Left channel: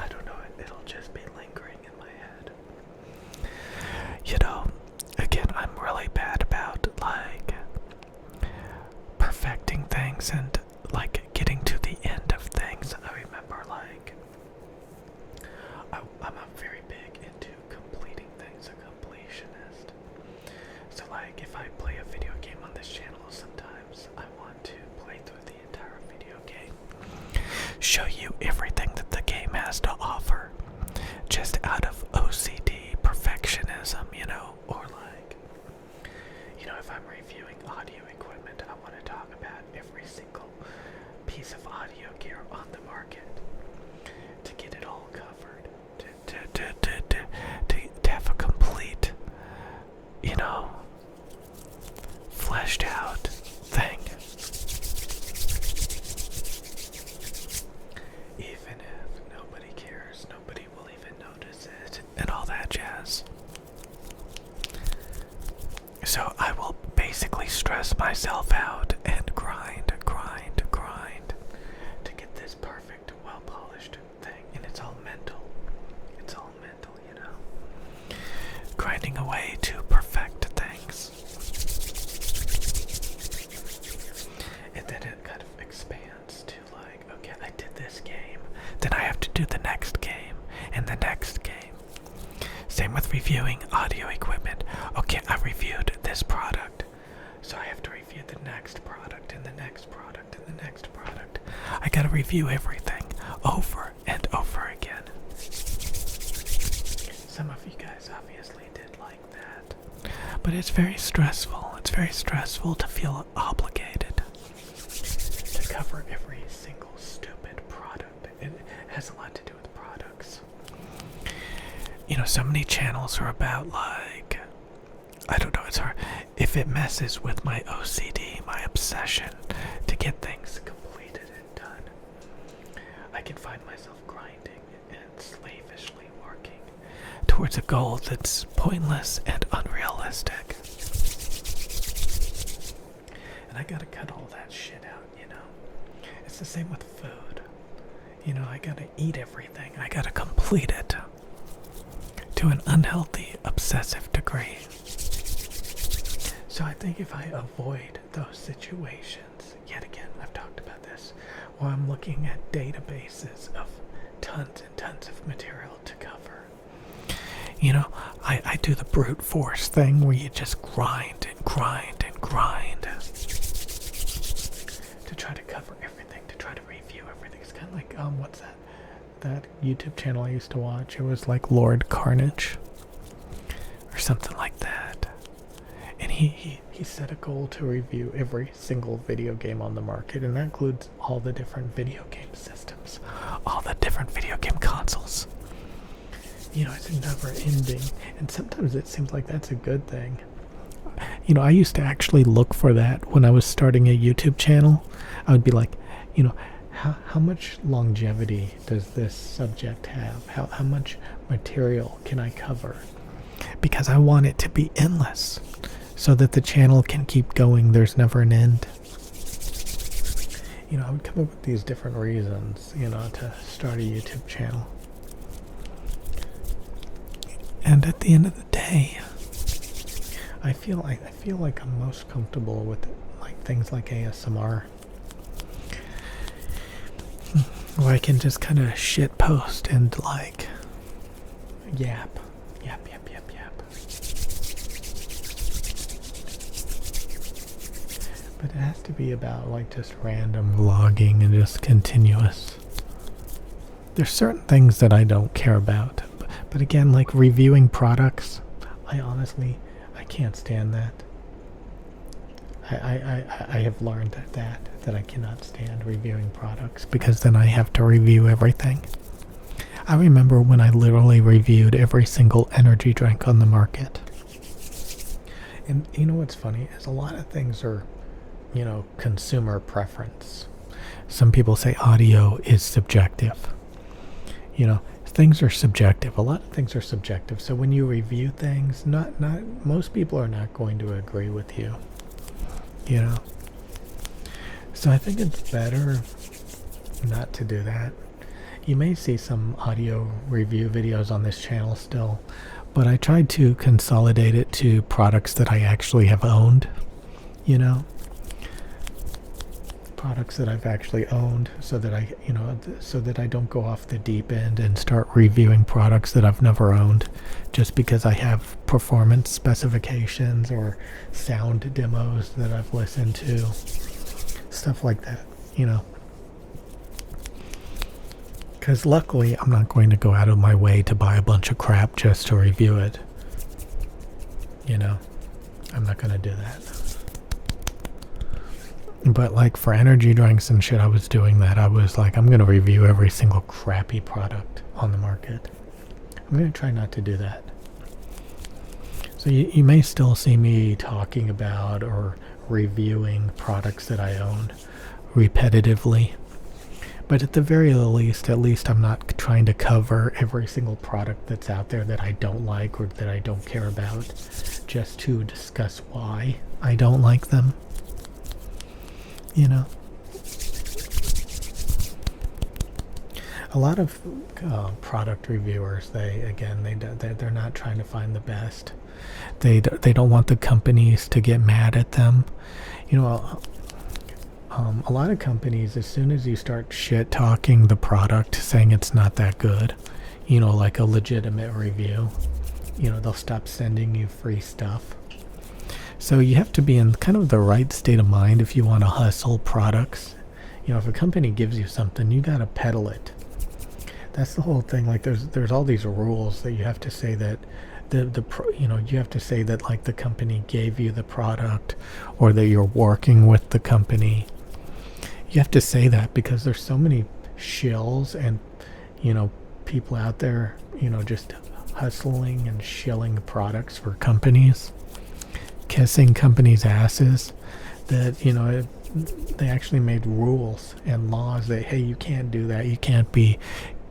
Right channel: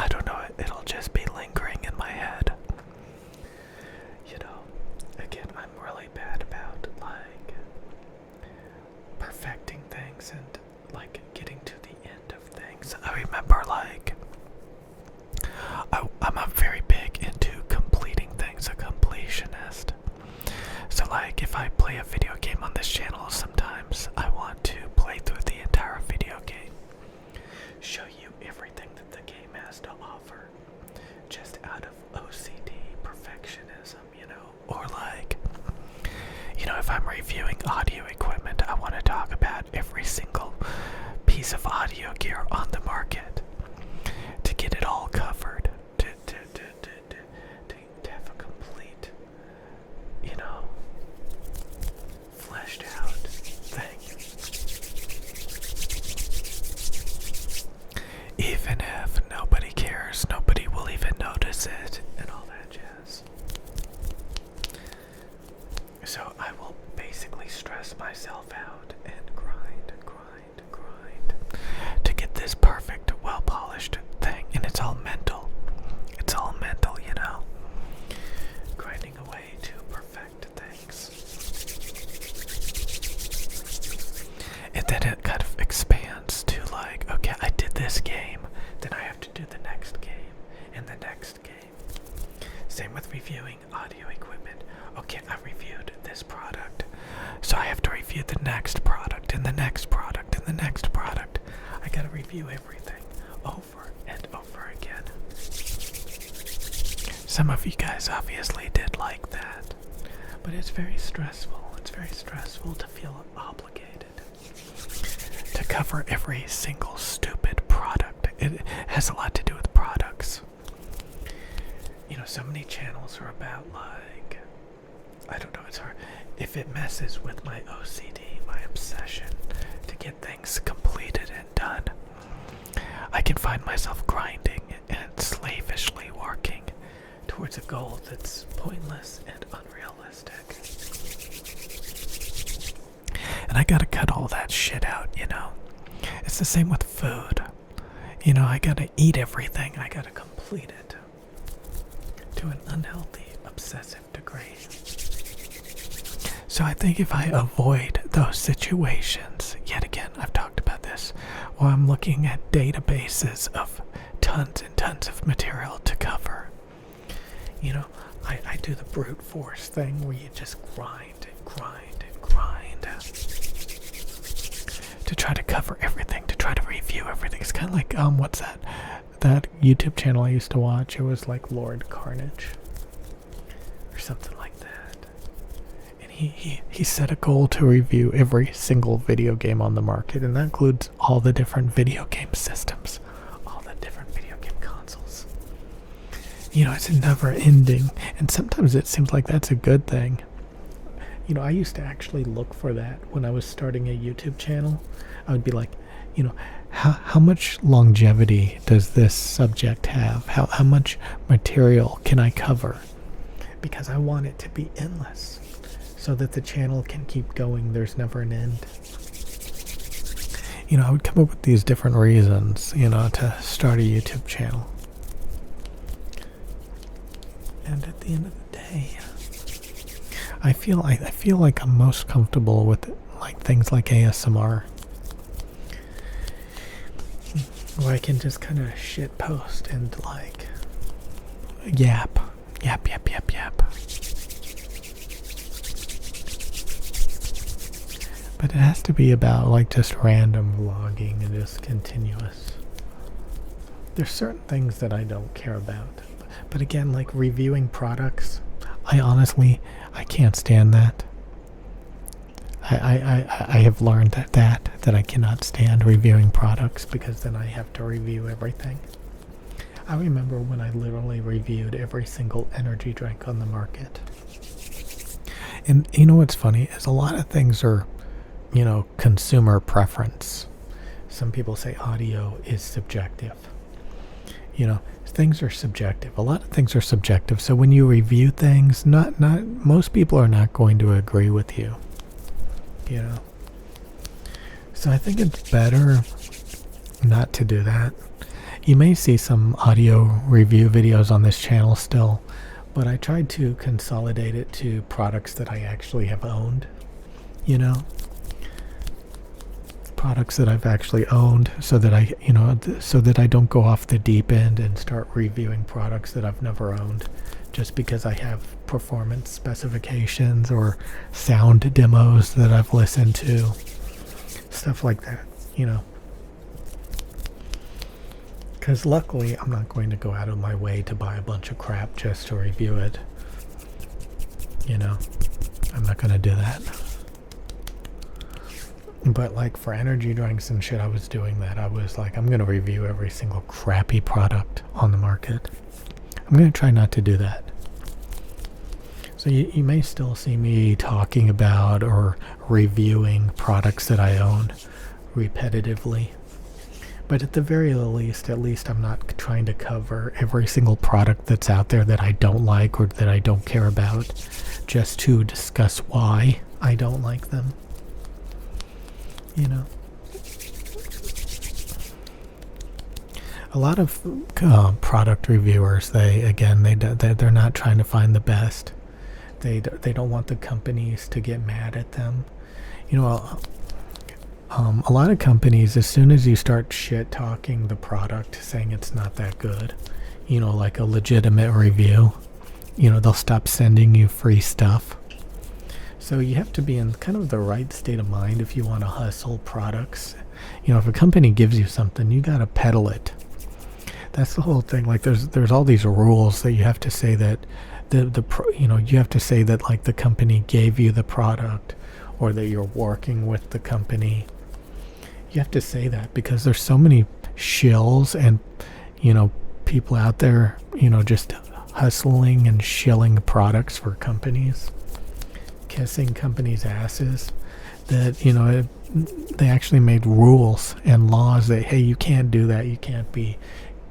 I don't know, it'll just be lingering in my head. Again, I'm really bad about, like, perfecting things and, like, getting to the end of things. I remember, like, I'm very big into completing things, a completionist. So, like, if I play a video game on this channel, sometimes I want to play through the entire video game, show you everything that the game has to offer, just out of OCD perfectionism, or like, if I'm reviewing audio equipment, I want to talk about every single piece of audio gear on the market to get it all covered, to have a complete, fleshed out thing. Even if nobody cares, nobody will even notice it, and all that jazz. So I will basically stress myself out and grind to get this perfect, well-polished thing, and it's all mental. It's all mental, grinding away to perfect things. And then it kind of expands to like, okay, I did this game, then I have to do the next game, and the next game. Same with reviewing audio equipment. Okay, I reviewed this product, so I have to review the next product, and the next product, and the next product. I gotta review everything over and over again. Some of you guys obviously did like that, but it's very stressful. It's very stressful to feel obligated to cover every single stupid product. It has a lot to do with products. So many channels are about, like, I don't know, it's hard. If it messes with my OCD, my obsession to get things completed and done, I can find myself grinding and slavishly working towards a goal that's pointless and unrealistic. And I gotta cut all that shit out, It's the same with food. I gotta eat everything. I gotta complete it to an unhealthy, obsessive degree. So I think if I avoid those situations, yet again, I've talked about this, where I'm looking at databases of tons and tons of material to cover. I do the brute force thing where you just grind to try to cover everything, to try to review everything. It's kind of like, what's that YouTube channel I used to watch? It was like Lord Carnage or something like that. And he set a goal to review every single video game on the market, and that includes all the different video game systems, all the different video game consoles. It's never ending, and sometimes it seems like that's a good thing. I used to actually look for that when I was starting a YouTube channel. I would be like, how much longevity does this subject have? How much material can I cover? Because I want it to be endless, so that the channel can keep going. There's never an end. I would come up with these different reasons, to start a YouTube channel. And at the end of the day, I feel like I'm most comfortable with like things like ASMR, where I can just kind of shit post and like yap. But it has to be about like just random vlogging and just continuous. There's certain things that I don't care about. But again, like reviewing products, I can't stand that. I have learned that I cannot stand reviewing products, because then I have to review everything. I remember when I literally reviewed every single energy drink on the market. And what's funny is a lot of things are, consumer preference. Some people say audio is subjective. Things are subjective. A lot of things are subjective. So when you review things, not most people are not going to agree with you. So I think it's better not to do that. You may see some audio review videos on this channel still, but I tried to consolidate it to products that I actually have owned, you know? Products that I've actually owned, so that so that I don't go off the deep end and start reviewing products that I've never owned just because I have performance specifications or sound demos that I've listened to, stuff like that, you know. Because luckily I'm not going to go out of my way to buy a bunch of crap just to review it, you know. I'm not going to do that. But like for energy drinks and shit, I was doing that. I was like, I'm going to review every single crappy product on the market. I'm going to try not to do that. So you may still see me talking about or reviewing products that I own repetitively. But at the very least, at least I'm not trying to cover every single product that's out there that I don't like or that I don't care about, just to discuss why I don't like them. You know, a lot of product reviewers, they're not trying to find the best. They don't want the companies to get mad at them. You know, a lot of companies, as soon as you start shit talking the product, saying it's not that good, you know, like a legitimate review, you know, they'll stop sending you free stuff. So you have to be in kind of the right state of mind if you want to hustle products. You know, if a company gives you something, you gotta peddle it. That's the whole thing. Like there's all these rules that you have to say that you have to say that like the company gave you the product, or that you're working with the company. You have to say that because there's so many shills and, you know, people out there, you know, just hustling and shilling products for companies, kissing companies' asses, that, you know, they actually made rules and laws that, hey, you can't do that. You can't be,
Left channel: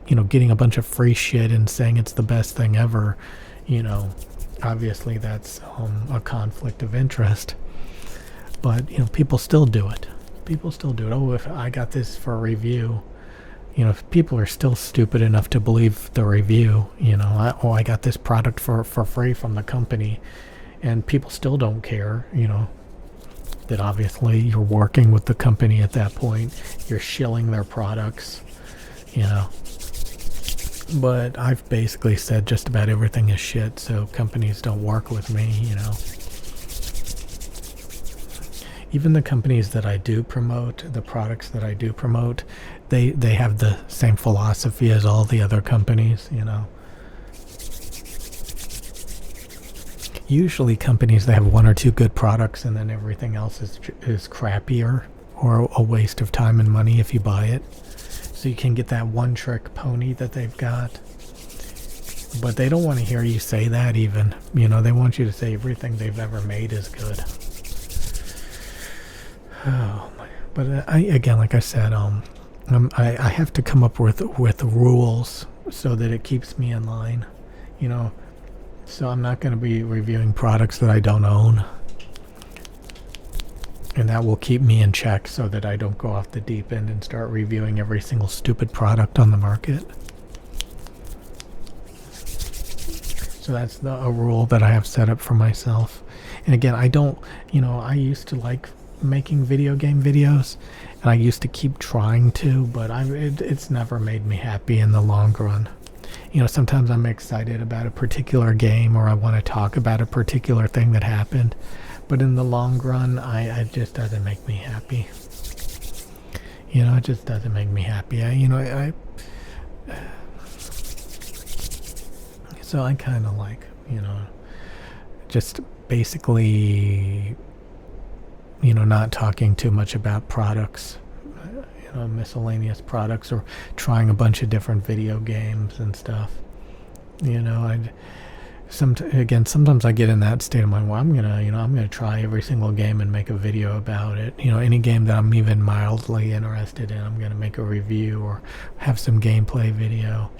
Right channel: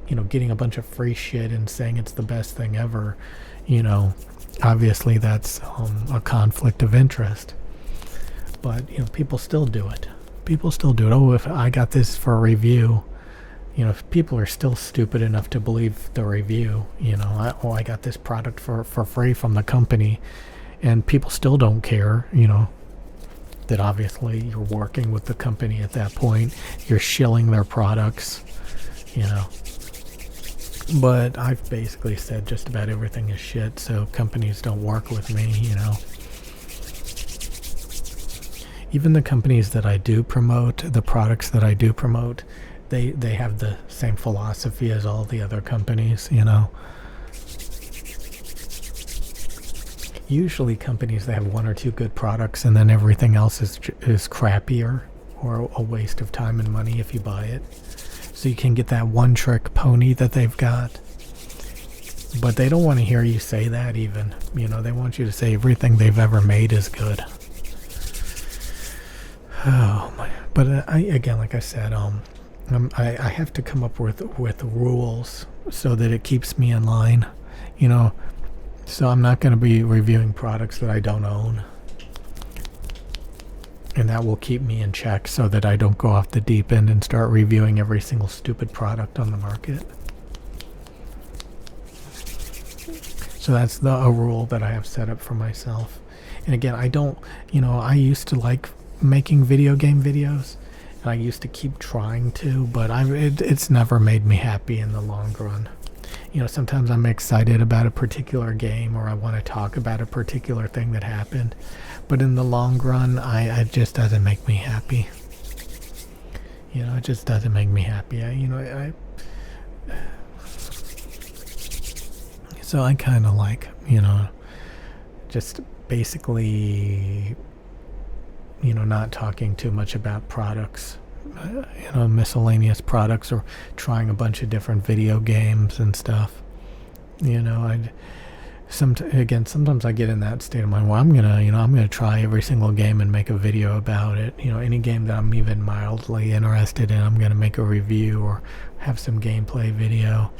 you know, getting a bunch of free shit and saying it's the best thing ever. You know, obviously that's a conflict of interest. But, you know, people still do it. People still do it. Oh, if I got this for a review, you know, if people are still stupid enough to believe the review, you know, I got this product for free from the company, and people still don't care, you know, that obviously you're working with the company at that point. You're shilling their products, you know. But I've basically said just about everything is shit, so companies don't work with me, you know. Even the companies that I do promote, the products that I do promote, they have the same philosophy as all the other companies, you know. Usually companies, they have one or two good products, and then everything else is crappier or a waste of time and money if you buy it. So you can get that one trick pony that they've got. But they don't want to hear you say that even. You know, they want you to say everything they've ever made is good. Oh my. But again, like I said, I have to come up with rules so that it keeps me in line. You know, so I'm not going to be reviewing products that I don't own. And that will keep me in check so that I don't go off the deep end and start reviewing every single stupid product on the market. So that's a rule that I have set up for myself. And again, I don't, you know, I used to like making video game videos, and I used to keep trying to, but it's never made me happy in the long run. You know, sometimes I'm excited about a particular game, or I want to talk about a particular thing that happened, but in the long run, it just doesn't make me happy. You know, it just doesn't make me happy. So I kind of like, you know, just basically, you know, not talking too much about products, you know, miscellaneous products, or trying a bunch of different video games and stuff. You know, sometimes I get in that state of mind where I'm gonna try every single game and make a video about it. You know, any game that I'm even mildly interested in, I'm gonna make a review or have some gameplay video.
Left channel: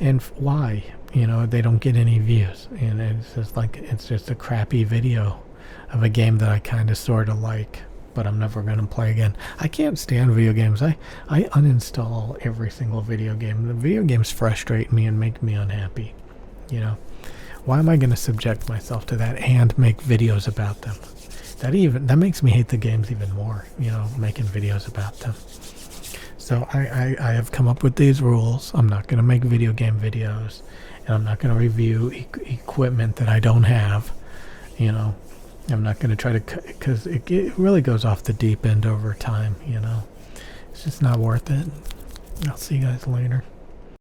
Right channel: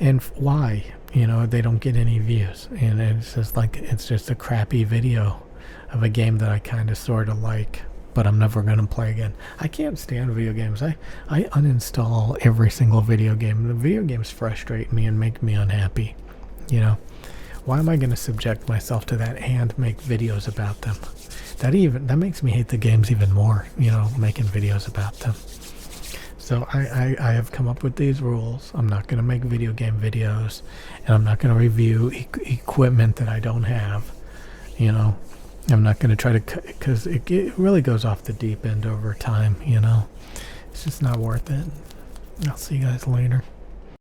And why? You know, they don't get any views, and it's just a crappy video of a game that I kind of sort of like, but I'm never gonna play again. I can't stand video games. I uninstall every single video game. The video games frustrate me and make me unhappy. You know, why am I gonna subject myself to that and make videos about them? That makes me hate the games even more. You know, making videos about them. So I have come up with these rules. I'm not gonna make video game videos, and I'm not gonna review equipment that I don't have. You know, I'm not going to try to, because it really goes off the deep end over time, you know. It's just not worth it. I'll see you guys later.